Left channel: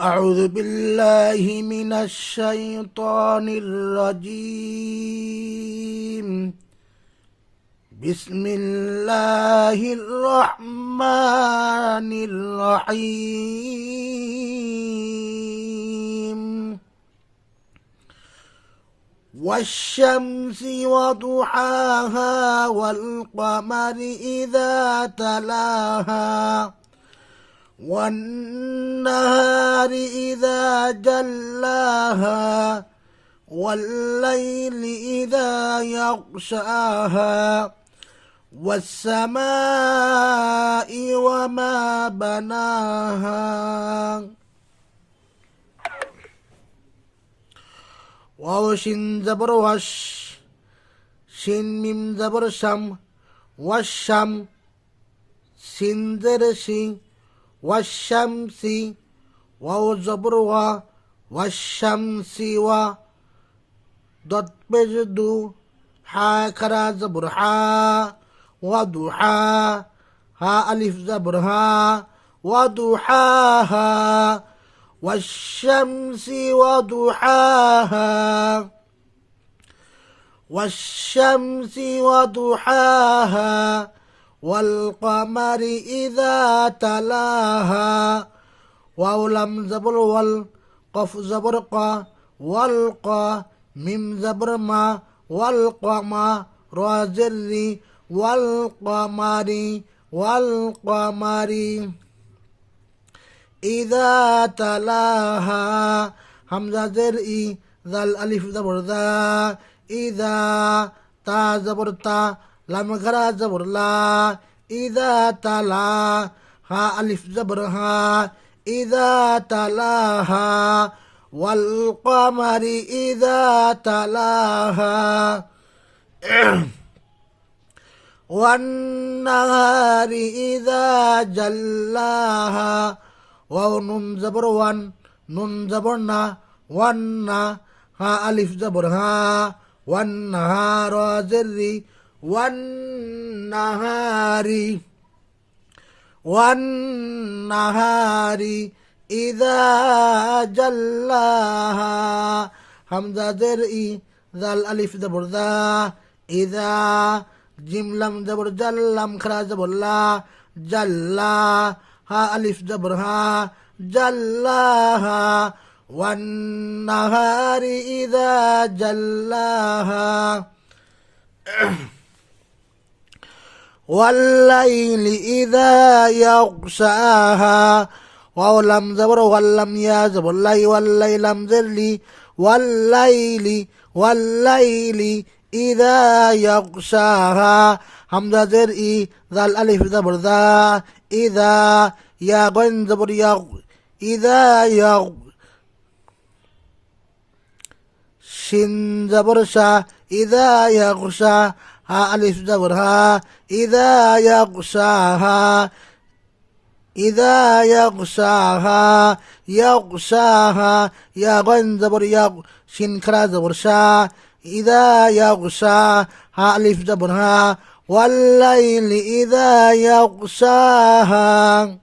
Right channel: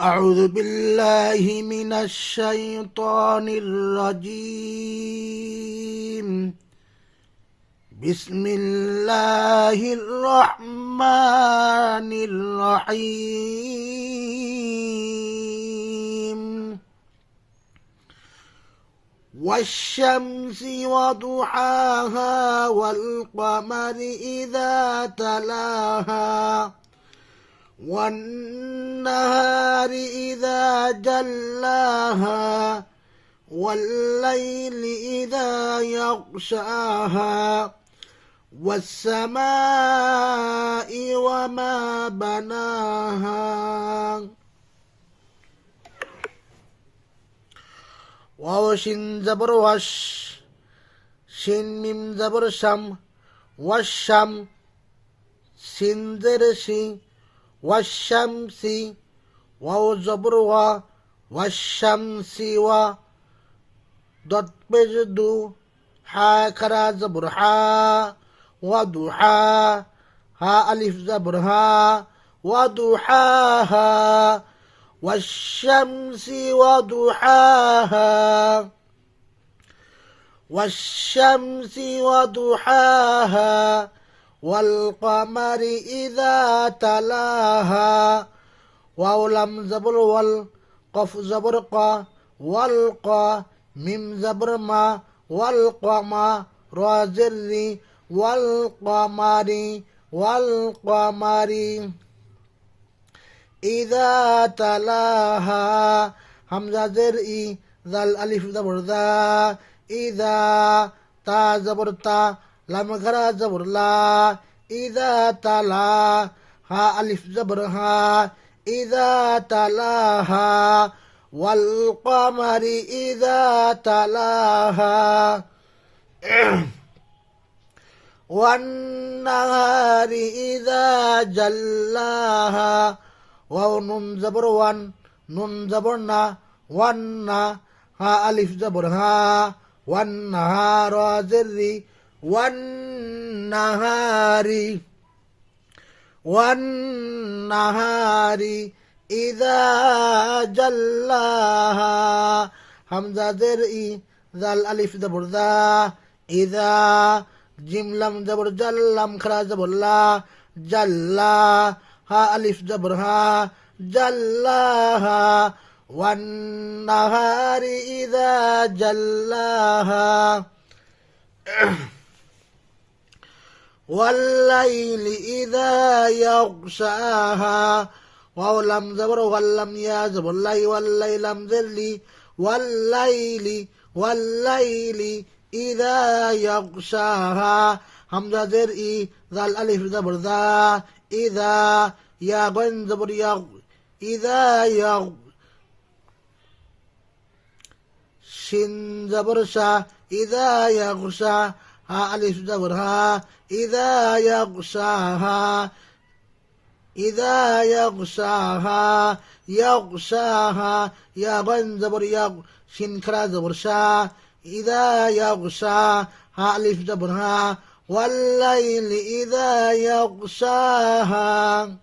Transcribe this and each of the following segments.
أعوذ بالله من الشيطان الرجيم. بسم الله الرحمن الرحيم. والشمس وضحاها والقمر إذا تلاها والنهار إذا جلاها والليل إذا يغشاها والسماء وما بناها. واو شين زبر وش شين ميم زبر شم والشم سين زر شين والشمس واو زبر وا والشمس و ضد بجدو حا كرا زبر حا وضحا ها ألف زبر ها وضحاها والشمس وضحاها والشمس وضحاها والقمر إذا تلاها واو لم زبر والقف زبر قا والقا ميم زبر ما والقما را زر والقمر والقمر إذا تلاها همزة زر ذال ألف زبر ذا إذا تا زبر تا لام غرا زبر لا إذا تلا ها ألف زبر ها إذا تلاها والقمر إذا تلاها والنهار إذا جلاها واو نون زبر وان نون زبرنا وانا ها ألف زبر ها والنهار زر والنهار إذا جلاها همزة زرئي ذا الألف زبر ذا إذا جيم لم زبر جلم خرا زبر لا جلا ها ألف زبر ها جلاها والنهار إذا جلاها والليل إذا يغشاها واو لم زبر ولم يا زبر لي والليل لم زرلي والليل إذا يغشاها همزة زرئي ذا الألف زبر ذا إذا يا غن زبر يغ إذا يغ شن زبر شا إذا يغشى ها ألف زبر ها إذا يغشاها إذا يغشاها يغشاها يا غن زبر يغ شن كرا زبر شا إذا يغشى ها ألف زبر ها والليل إذا يغشاها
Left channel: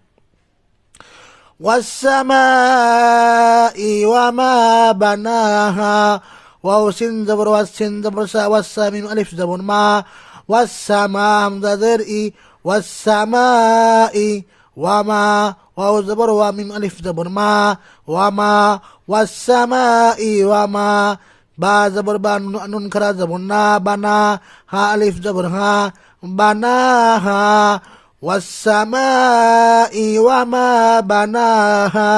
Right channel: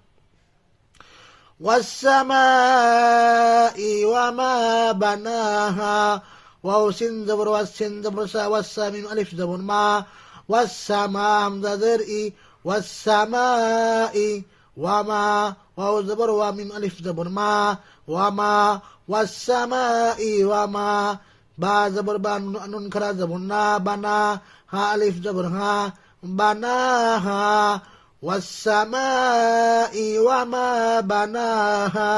والسماء وما بناها واو سين زبر والسين زبر سا والسامين ألف زبر ما والسماء همزة زرئي والسماء وما واو زبر وميم ألف زبر ما وما والسماء وما با زبر با نون كرا زبر نا بنا ها ألف زبر ها بناها والسماء وما بناها।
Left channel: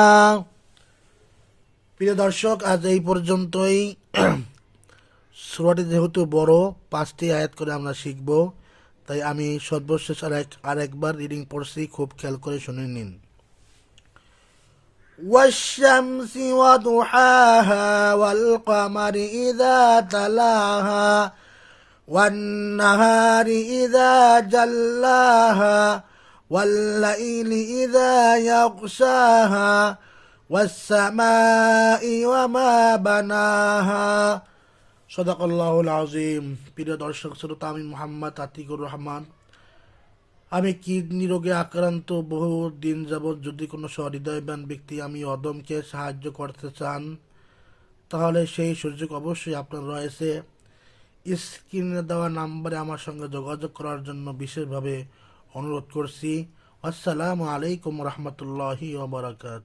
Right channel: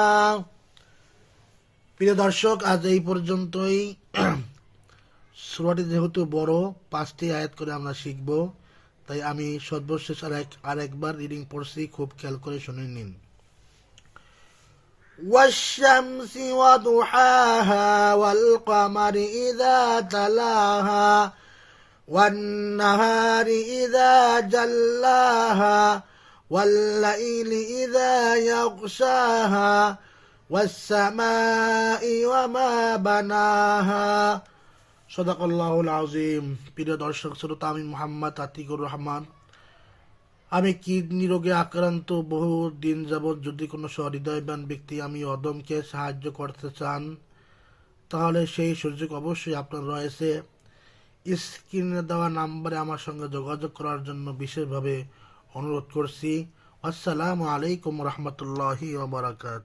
প্রিয় দর্শক, আজ এই পর্যন্তই। সূরাটি যেহেতু বড়, 5টি আয়াত করে আমরা শিখব, তাই আমি সর্বশেষ আরেকবার রিডিং পড়ছি, খুব খেয়াল করে শুনে নিন। والشمس وضحاها والقمر إذا تلاها والنهار إذا جلاها والليل إذا يغشاها والسماء وما بناها صدق الله العظيم। প্রিয় দর্শক শ্রোতা, আমি মোহাম্মদ আতিকুর রহমান আমি কিডনি রোগে আক্রান্ত, বহু দিন যাবৎ। যদি কোনো সহৃদয়বান ব্যক্তি আমি অদমকে সাহায্য করতে চান, তাহলে সেই সুযোগ অবশ্যই আপনার রয়েছে। স্ক্রিনে দেওয়া নাম্বারে আমার সঙ্গে যোগাযোগ করার জন্য বিশেষভাবে অনুরোধ করছি। আসসালামু আলাইকুম রহমতুল্লাহি ওয়া বারাকাতুহু।